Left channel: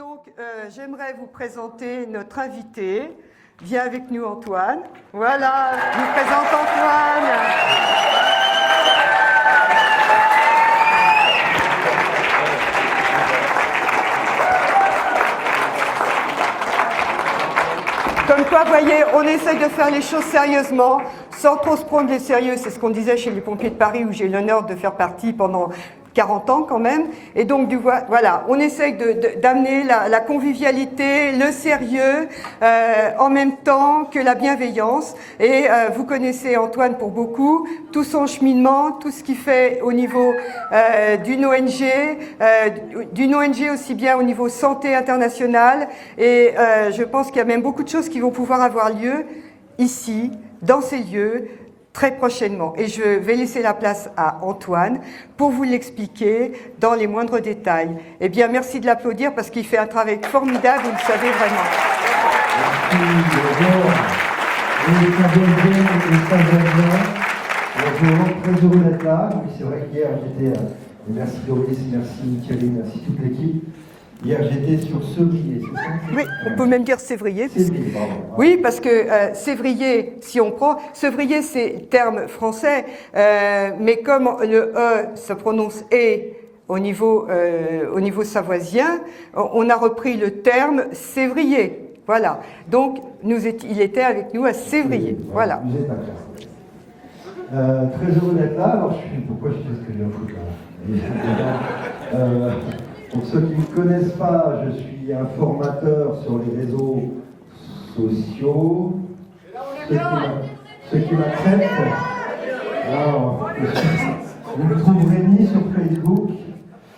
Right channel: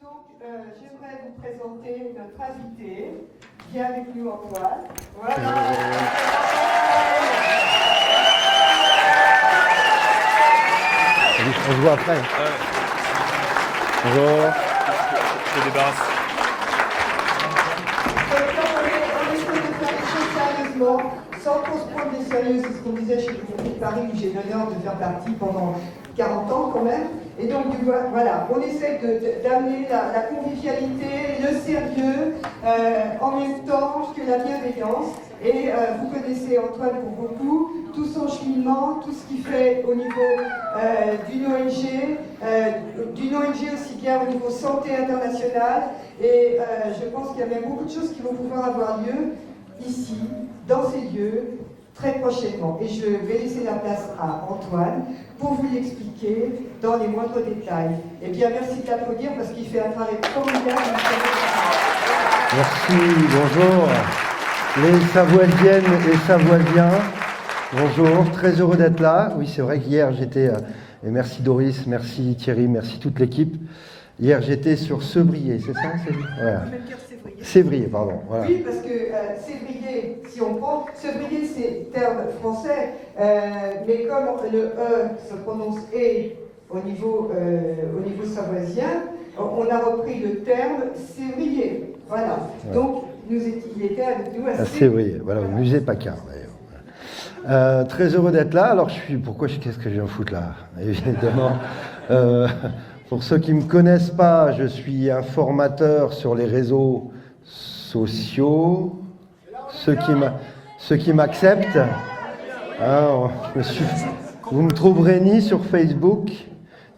Donc, j'aimerais vous présenter notre invité. Viens avec nous, Antoine. Voilà, je vous présente Antoine. Bonjour. Comme quoi, vous voyez, on essaye de faire les choses sérieusement, sans trop se prendre les sérieux. C'est ce qu'on disait chez les pompiers de Paris, où j'ai l'honneur de faire partie pendant 40 ans quand même. Et donc, voilà, on essaye d'amener la convivialité, le sérieux, en même temps que la bienveillance. Et vous connaissez Antoine pour beaucoup, tout son cheminement, tout ce qu'il fait au niveau d'une ONG aussi bien au niveau santé internationale. Et je pense qu'il y a même beaucoup de choses qui vont pouvoir avoir lieu ici, dans ces lieux, très prochainement. Et je vais laisser la place à Antoine pour vous l'expliquer dans les moindres détails. Eh bien, merci de l'applaudir parce qu'il fait un travail formidable, vous le savez vraiment. Merci, bonjour. Les Savoisiennes et les Savoisiens, bonjour, très heureux d'être là. Oui, c'est vrai qu'hier j'étais, et merci Doris, merci Thierry, merci toute l'équipe. Hier, j'étais sur Sévrier, c'est ça? Oui, on peut même dire Sévrier. Sévrier, pardon. Voilà. Oui, parce que Sévrier, si on prend... Sévrier, c'est terme français, mais comme le E se prononce E au niveau savoisien, on a repris le terme Sévrier. Voilà. Donc, il était avec nous à Sévrier. Voilà. Musée Paccard. Très heureux d'être là. Alors, qu'est-ce que je viens foutre là? Évidemment. Pour ceux qui ne me connaissent pas, je suis un formateur sur les réseaux sociaux. Ceux qui m'acceptent, vous ne me trouverez ni sur Facebook,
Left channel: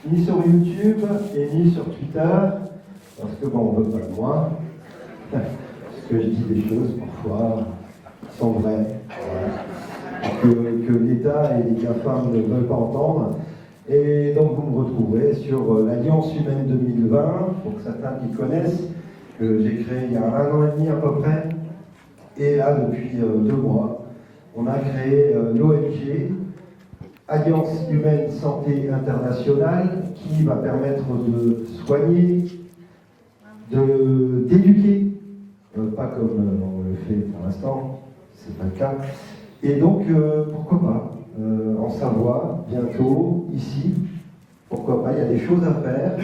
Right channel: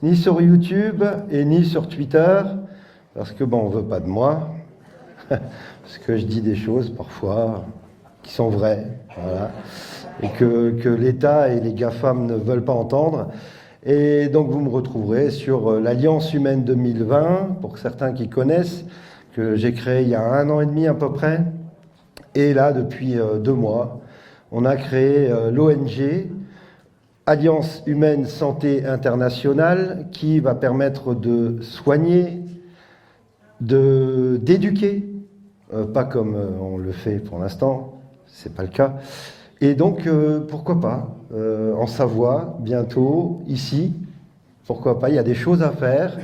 ni sur YouTube, et ni sur Twitter, parce que on ne veut pas de moi, parce que je dis des choses parfois qui sont vraies, voilà, et que l'État et les GAFAM ne veulent pas entendre. Et donc vous me retrouverez sur l'Alliance Humaine 2020, pour certains qui connaissent, que j'ai créé il y a 1 an et demi à peu près. Et là, depuis 2 mois, on a créé l'ONG Alliance Humaine Santé Internationale, qui va permettre de soigner, d'éduquer, pas comme on le fait pour l'instant, c'est pas le cas. Et donc, pourquoi pas en Savoie, bientôt, ici, pourquoi pas, il y a des choses à faire,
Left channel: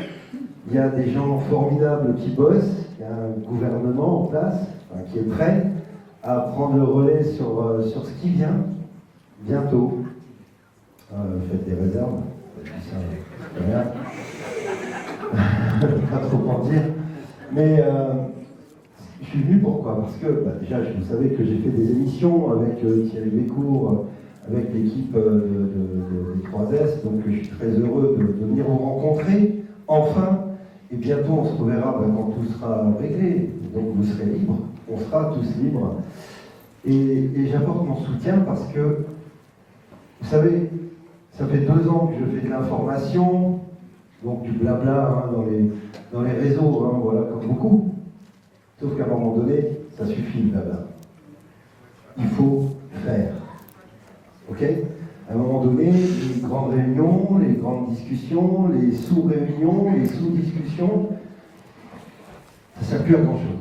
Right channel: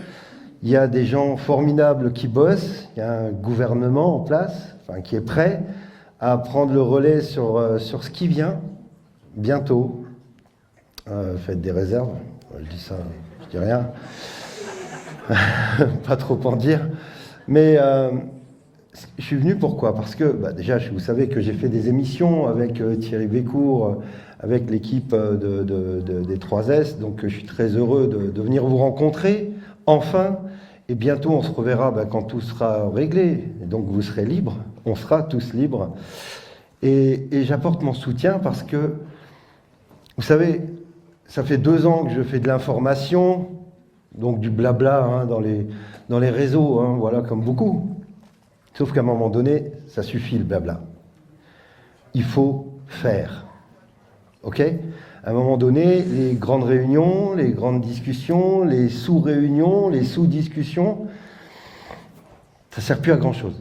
il y a des gens formidables qui bossent, il y a un gouvernement en place, qui est prêt à prendre le relais sur ce qui vient, bientôt. Faites des réserves, je dis ça, je dis rien, pas trop en dire, mais je suis venu pourquoi? Parce que, déjà, vous savez que j'ai fait des émissions avec Thierry Bécourt, avec l'équipe des 3S, donc je suis très heureux de venir vous rencontrer, enfin, et bientôt on se reverra quand tout sera réglé, et donc vous serez libres, on sera tous libres, et j'apporte mon soutien parce que, vous savez, ça fait 2 ans que je fais de l'information, donc du blabla dans les réseaux, voilà, comme beaucoup, sauf qu'à un moment donné, ça suffit le blabla. Il faut faire. Ok? À un moment donné, les grandes réunions, les grandes discussions, les sous-réunions, les sous-discussions, ça ne sert plus à grand-chose.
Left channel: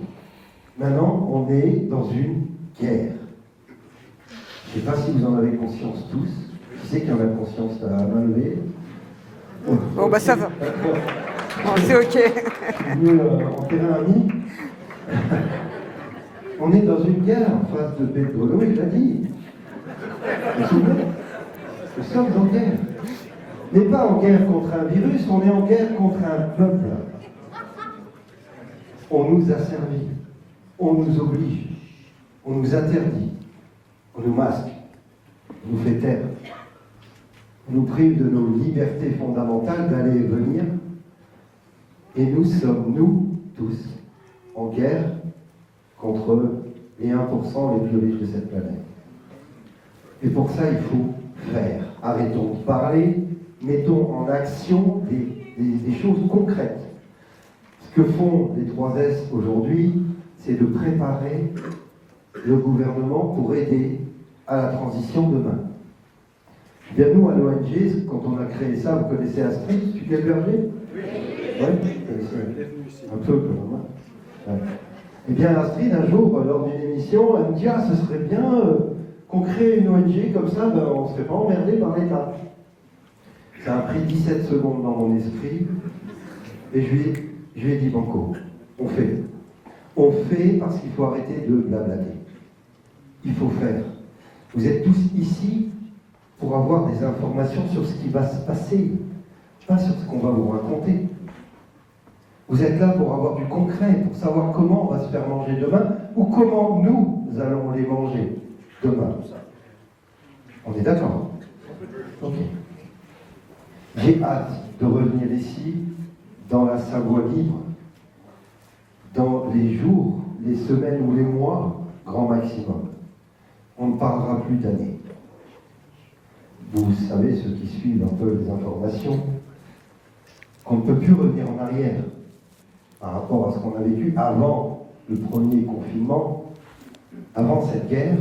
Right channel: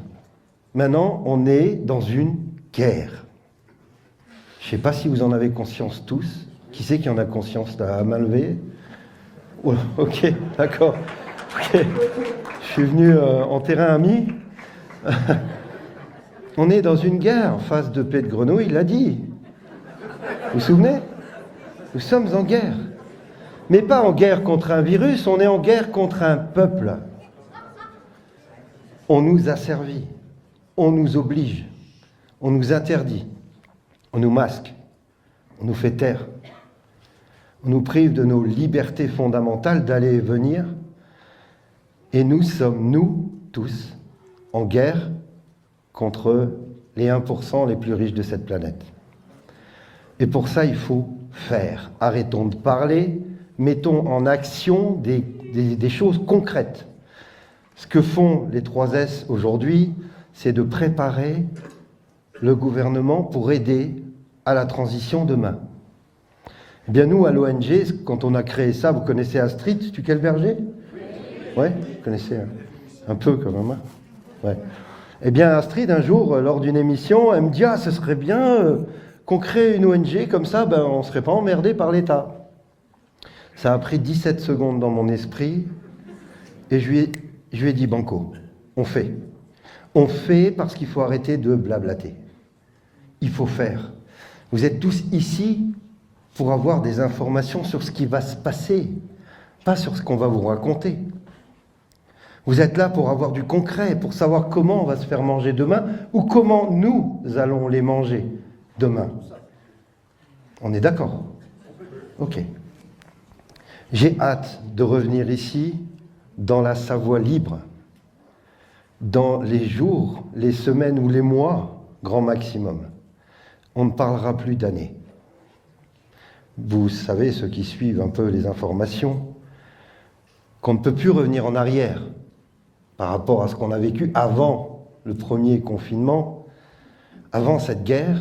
Maintenant, on est dans une guerre. Je ne sais pas si vous en avez conscience tous. Qui c'est qui en a conscience? À main levée? Okay, ça va. D'accord. Okay. C'est ok. Je suis venu en terrain ami. On est dans une guerre en face de Paix de Grenouille, il l'a dit. Vous vous souvenez? Nous sommes en guerre. Mais pas en guerre contre un virus, on est en guerre contre un peuple. On nous a servi, on nous oblige, on nous interdit, on nous masque, on nous fait taire, on nous prive de nos libertés fondamentales d'aller et venir. Et nous sommes, nous, tous, en guerre contre les 1% les plus riches de cette planète. Et pour ça, il faut faire. Arrêtons de parler, mettons en action des choses concrètes. Ce que font les 3S aujourd'hui, c'est de préparer le gouvernement pour aider à la transition demain. Bien nous, à l'ONG, quand on a créé ça, vous connaissez Astrid Stuckelberger? Ouais, vous connaissez un peu quand même. Hein. Ouais. Eh bien, Astrid, un jour, lors d'une émission, elle me dit « Ah, ce serait bien qu'on crée une ONG, comme ça, ben, on ne serait pas emmerdé par l'État. » Ça a pris 17 secondes dans mon esprit, et je lui ai dit « Banco, on fait. On fait parce qu'il faut arrêter de blablater. Il faut faire. Vous êtes tous ici pour avoir des informations sur ce qui va se passer, pas sur ce qu'on va vous raconter. Vous êtes là pour avoir du concret, pour savoir comment on va se faire manger demain ou comment nous allons les manger demain. On est d'accord? Ok. J'ai hâte de revenir ici dans la Savoie libre, dans les jours, les semaines ou les mois, grand maximum. On ne parlera plus d'années. Vous savez, ceux qui suivent un peu les informations, qu'on ne peut plus revenir en arrière par rapport à ce qu'on a vécu avant le premier confinement, avant cette guerre,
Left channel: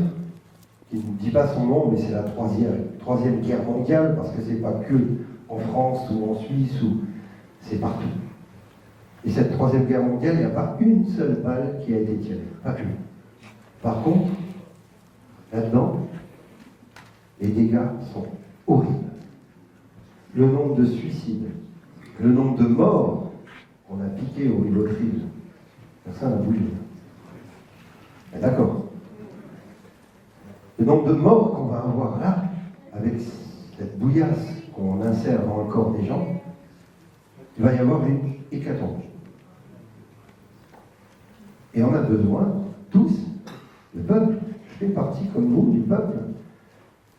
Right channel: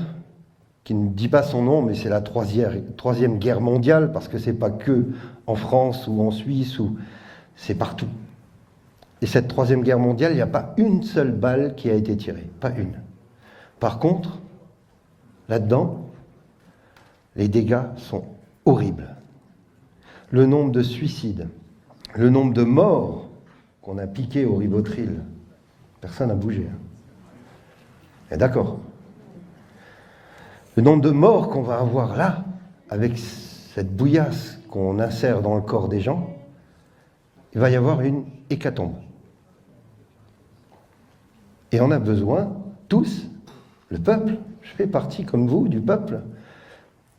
qui ne dit pas son nom, mais c'est la troisième guerre mondiale, parce que c'est pas que en France ou en Suisse, c'est partout. Et cette troisième guerre mondiale, il n'y a pas une seule balle qui a été tirée, pas une. Par contre, là-dedans, les dégâts sont horribles. Le nombre de suicides, le nombre de morts qu'on a piqués au Rivotril, personne n'a bougé. Et d'accord. Le nombre de morts qu'on va avoir là, avec cette bouillasse qu'on insère dans le corps des gens, il va y avoir une hécatombe. Et on a besoin, tous, le peuple, je fais partie comme vous du peuple,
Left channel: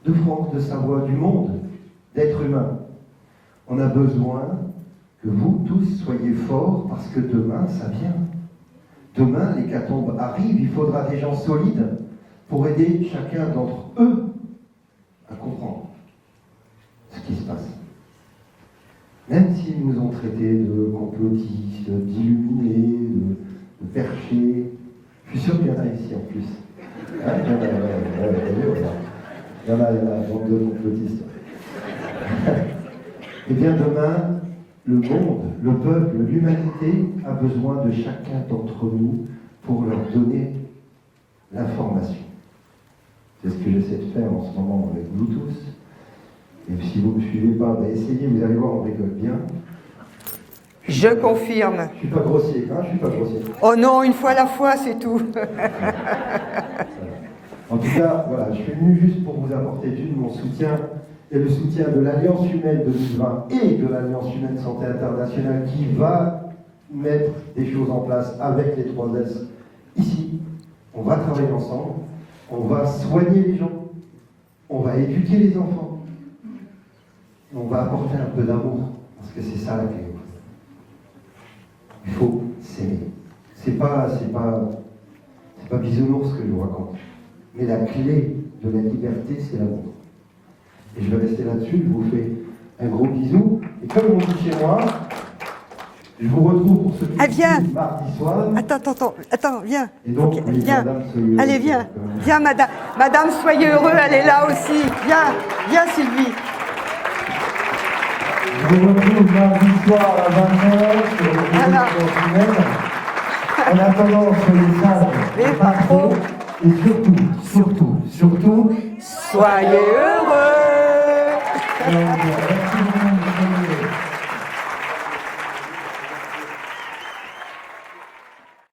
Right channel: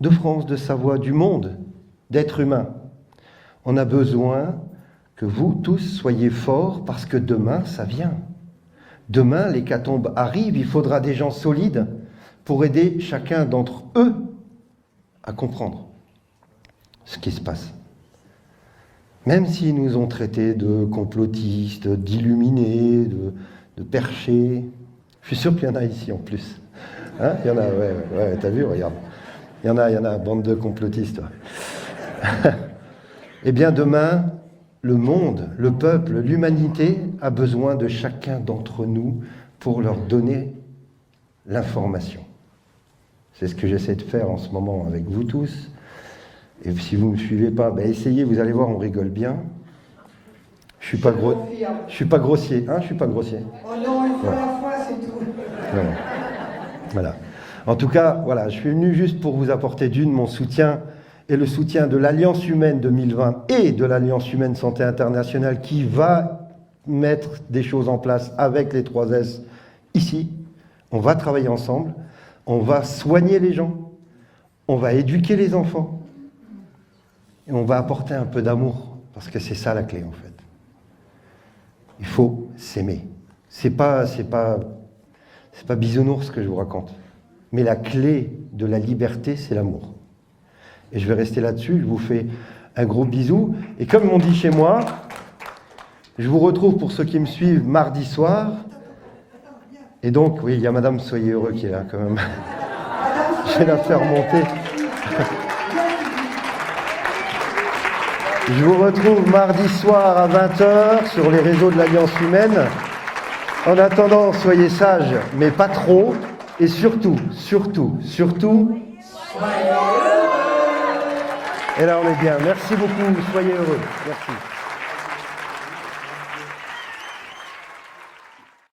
de France, de Savoie, du monde, d'êtres humains. On a besoin que vous tous soyez forts parce que demain, ça vient. Demain, l'hécatombe arrive, il faudra des gens solides pour aider chacun d'entre eux à comprendre ce qui se passe. Même s'ils nous ont traités de complotistes, d'illuminés, de perchés, je suis sûr qu'il y en a ici en plus. Hein, il y en a, ouais, t'as vu, regarde. Il y en a, bande de complotistes. Ouais. Eh bien, demain, le monde, le peuple, l'humanité a besoin de chacun d'entre nous pour leur donner l'information. C'est ce que j'essaie de faire en ce moment avec vous tous. Et si vous ne me suivez pas, ben essayez, vous allez voir, on rigole bien. Je confirme. Je ne suis pas grossier, hein, je suis pas grossier. Oh non, une fois à la fois, c'est tout. Voilà. En tout cas, voilà, je suis venu juste pour vous apporter mon soutien et le soutien de l'Alliance humaine 2020 et de l'Alliance humaine santé internationale qui va mettre des choses en place avec les 3S ici. On va travailler ensemble, on va soigner les gens, on va éduquer les enfants et on va apporter un peu d'amour parce que c'est ça la clé en fait. Il faut s'aimer. C'est pas bisounours que je vous raconte. Mais la clé de la liberté, c'est l'amour. Et je vais rester là-dessus. Je vous fais un gros bisou. Et comme on dit chez moi, je vous retrouve pour ceux qui me suivent mardi soir. Attends, viens. Et donc, oui, il y a Madame Soyez Heureux. Allez, viens. Là, quand même. Viens, Madame Soyez Heureux, elle est là aussi. Viens, Sylvie. Je vous retrouve mardi soir à 20h sur les réseaux de l'Alliance humaine. En attendant, soyez sages, mais pas trop. Et surtout, soyez heureux. Et là, on est bien. Merci beaucoup. Soyez heureux. Merci.